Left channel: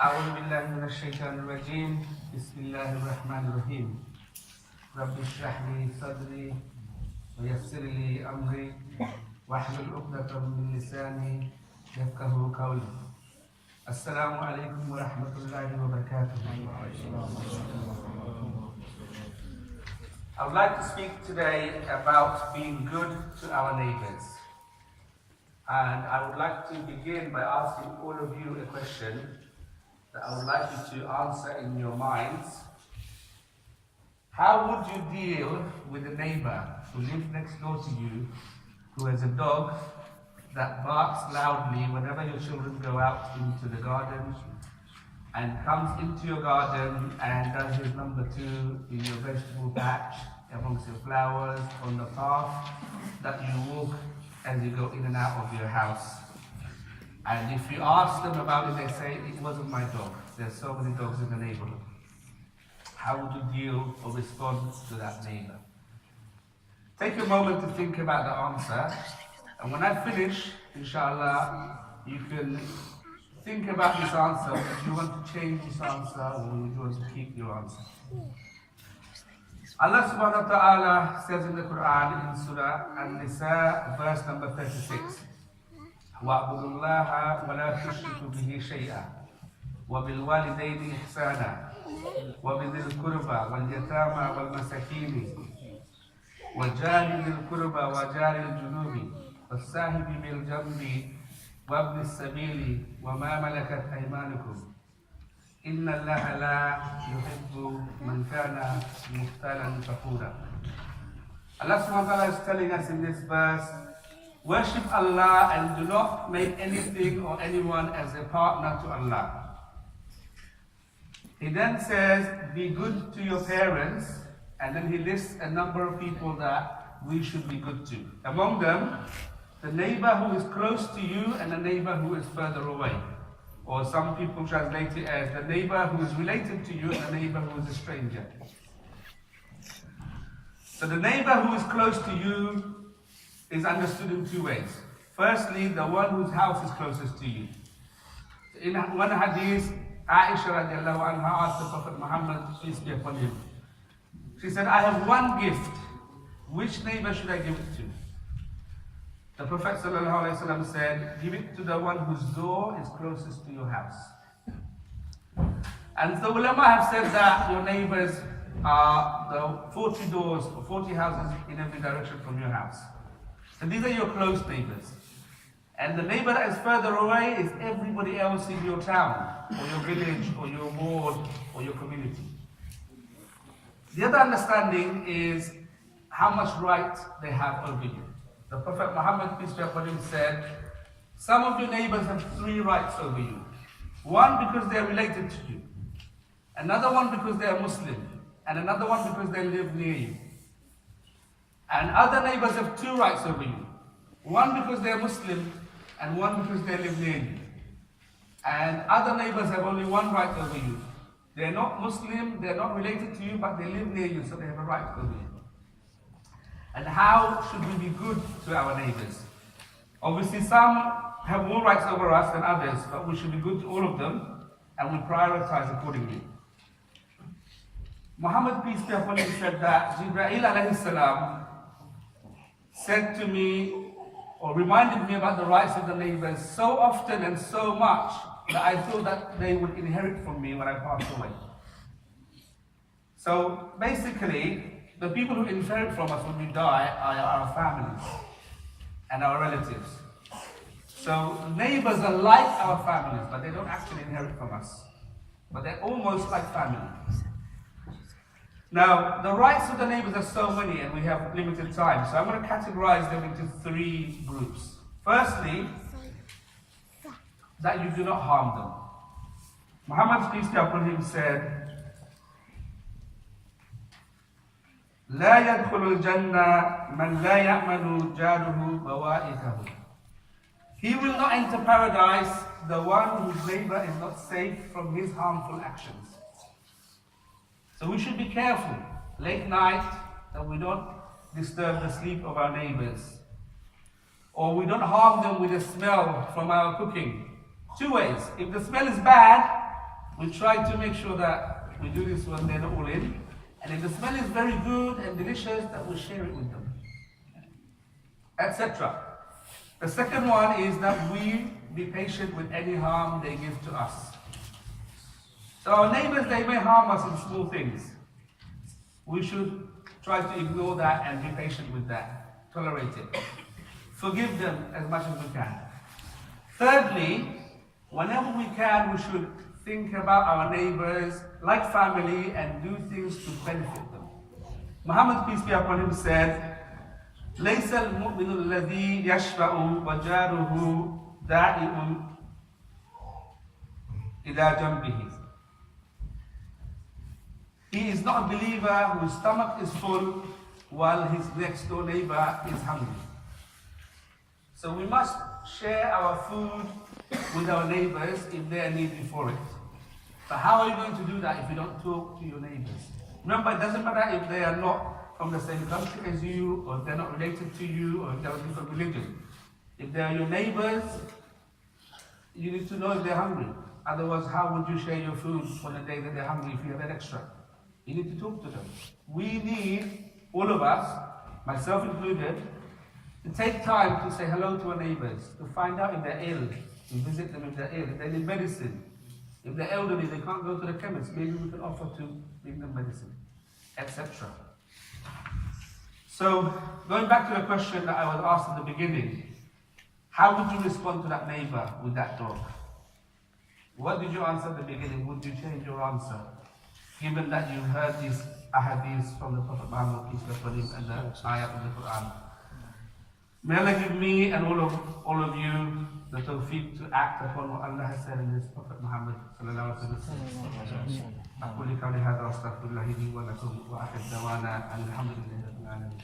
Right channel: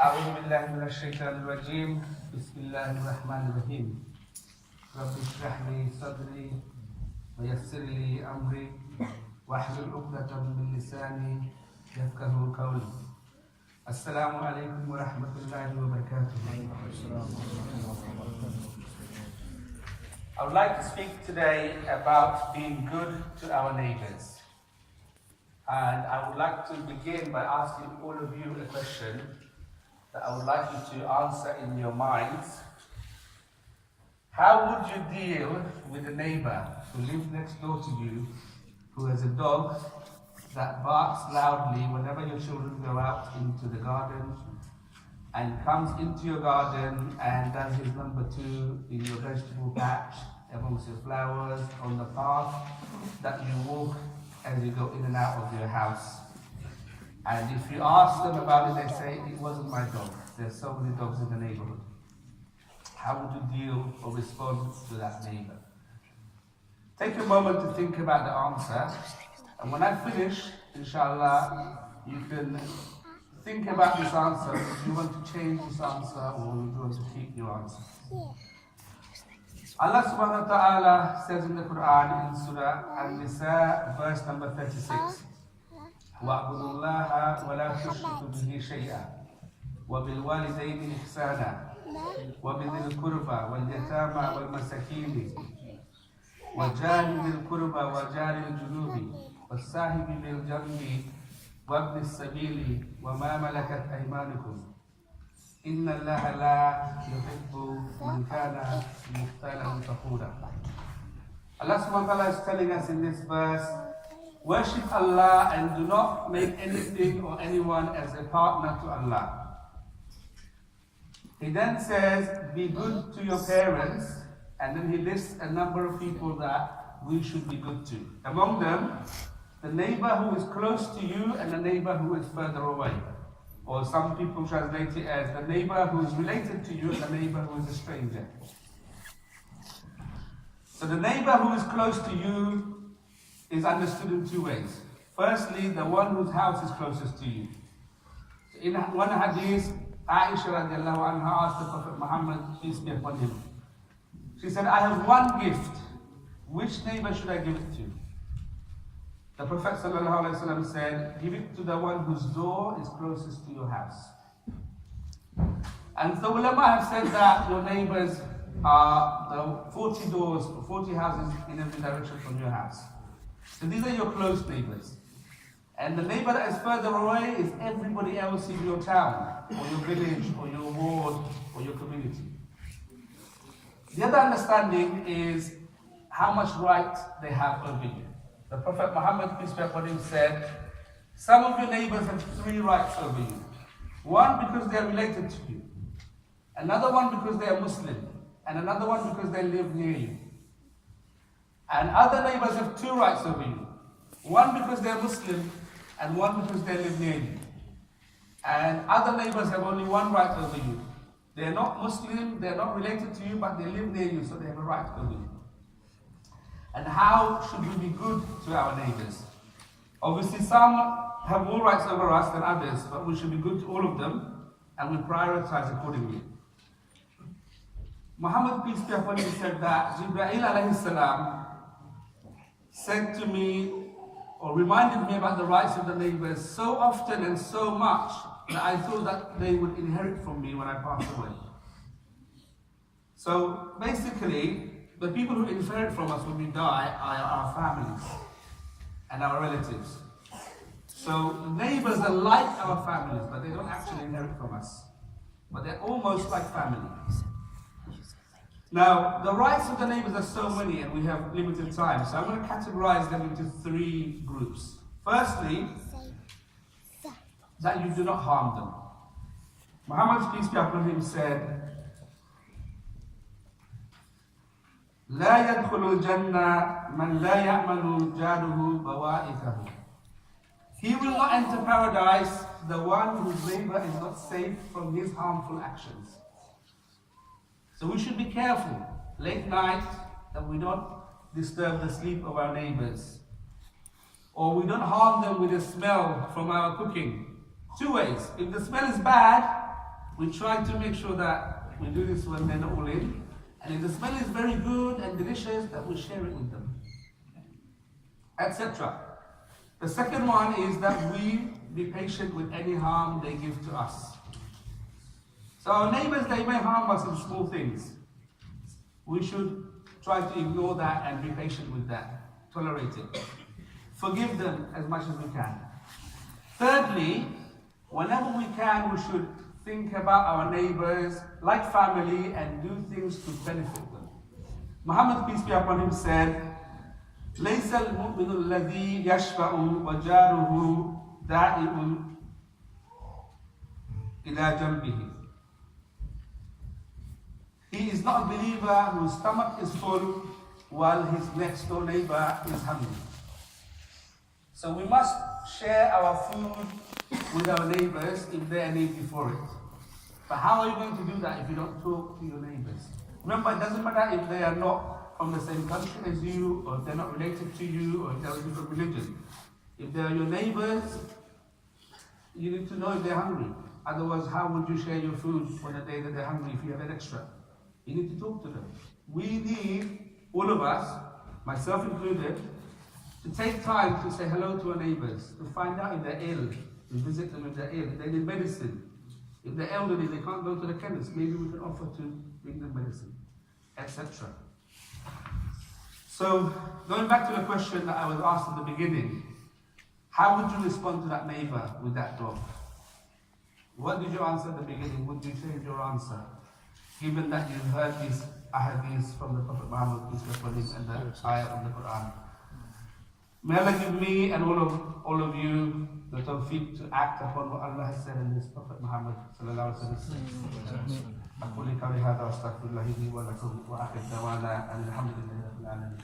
أعوذ بالله من الشيطان الرجيم بسم الله الرحمن الرحيم رب اشرح لي صدري ويسر لي أمري واحلل عقدة من لساني يفقه قولي السلام عليكم ورحمة الله وبركاته. I would like to speak today about being good to our neighbors. And I would like to begin by asking all of you a question that I would like you to answer in your minds. How would you deal with a neighbor who lives next door to you, who has a dog that barks loudly whenever your children go out into the garden, and comes into your garden and does his number 2 in your vegetable patch, amongst your flowers, on the path that you walk as you go in and out of your house? And if you ask them about it, they say, it wasn't my dog. There's so many dogs in the neighborhood. How would you deal or respond to that neighbor? Take a moment to think about the answer. And when I finish, inshallah, you can think about this answer. Would you want to change this answer, or would you want to keep your answer? Allah subhanahu wa ta'ala says in the Quran, in Surah An-Nisa, verse number 36, وَاعْبُدُوا اللَّهَ وَلَا تُشْرِكُوا بِهِ شَيْئًا وَبِالْوَالِدَيْنِ إِحْسَانًا وَبِذِي الْقُرْبَى وَالْيَتَامَى وَالْمَسَاكِينِ وَجَارِ ذِي الْقُرْبَى وَجَارِ الْجُنُوبِ وَالصَّاحِبِ بِالْجَنبِ وَابْنِ السَّبِيلِ وَمَا مَلَكَتْ أَيْمَانُكُمْ إِنَّ اللَّهَ لَا يُحِبُّ مَنْ كَانَ مُخْتَالًا فَخُورًا. Allah subhanahu wa ta'ala is telling us in this verse, worship Allah and do not make anything or anyone as a partner to Allah. He then says, be good to your parents, and then he lists a number of people that we should be good to. Among them, the neighbor who is close to you and the neighbor who is further away. Or some people translate it as the neighbor who is related to you and the neighbor who is a stranger. So the neighbor who is close to you is understood in 2 ways. Firstly, the one whose house is closest to you. In one hadith, Aisha radiallahu anha asked the Prophet Muhammad, peace be upon him. She said, I have one gift. Which neighbor should I give it to? The Prophet sallallahu alaihi wasallam said, give it to the one whose door is closest to your house. And the ulama have said that your neighbors are the 40 doors, 40 houses in every direction from your house. So these are your close neighbors. And the neighbor that is further away is everybody else in your town, or your village, or your ward, or your community. The other understanding is how much right they have over you. The Prophet Muhammad, peace be upon him, said, some of your neighbors have 3 rights over you. One, because they are related to you. Another one, because they are Muslim. And another one, because they live near you. And other neighbors have 2 rights over you. One, because they are Muslim, and one, because they live near you. And other neighbors have only 1 right over you. They are not Muslim, they are not related to you, but they live near you, so they have a right over you. And how should we be good to our neighbors? Obviously, some have more rights over us than others, but we should be good to all of them, and we prioritize accordingly. Muhammad, peace be upon him, said that Jibreel alayhi salam said to me, or reminded me about the rights of the neighbors so often and so much that I thought that they would inherit from me when I passed away. So basically, the people who inherit from us when we die are our families and our relatives. So neighbors are like our families, but they don't actually inherit from us. But they're almost like family. Now, the rights of the neighbors are so many and we have limited time, so I'm going to categorize them into 3 groups. Firstly, that you do not harm them. Muhammad's peace be upon him said, لا يدخل الجنة من لا يأمن جاره بوائقه. He will not enter paradise, the one whose neighbor is not safe from his harmful actions. So we should be careful late night that we don't disturb the sleep of our neighbors. Or we don't harm them with the smell from our cooking. 2 ways. If the smell is bad, We try to make sure that we do this when they're not all in. And if the smell is very good and delicious, that we share it with them, etc. The second one is that we be patient with any harm they give to us. So our neighbors, they may harm us in small things. We should try to ignore that and be patient with that. Tolerate it. Forgive them as much as we can. Thirdly, whenever we can, we should think about our neighbors like family and do things to benefit them. Muhammad, peace be upon him, said, ليس المؤمن الذي يشفع وجاره دائم إلى جنبه. He is not a believer whose stomach is full while his next door neighbor is hungry. So we must share our food with our neighbors if they are needy for it. But how are you going to do that if you don't talk to your neighbors? Remember, it doesn't matter if they are not from the same country as you, or they're not related to you, or if they're a different religion. If they are your neighbors, you need to know if they're hungry. Otherwise, how would you share your food on the day that they're hungry if you have an extra? You need to talk to them. We need, all of us, myself included, to take time to say hello to our neighbors, to find out if they're ill, to visit them if they're ill, if they need medicine. If they're elderly, they can't go to the chemist, maybe we can offer to bring them medicine, etc. So, going back to the question that I was asked at the beginning, how would you respond to that neighbor with that dog? What did you answer at the beginning? Would you change your answer? Given that you heard these ahadiths from the Prophet Muhammad, peace be upon him, and the ayah of the Quran. May Allah give me and all of you the tawfiq to act upon what Allah has said in His Prophet Muhammad sallallahu alaihi wasallam. أقول قولي هذا وأستغفر الله لي ولكم وآخر دعوانا الحمد لله رب العالمين.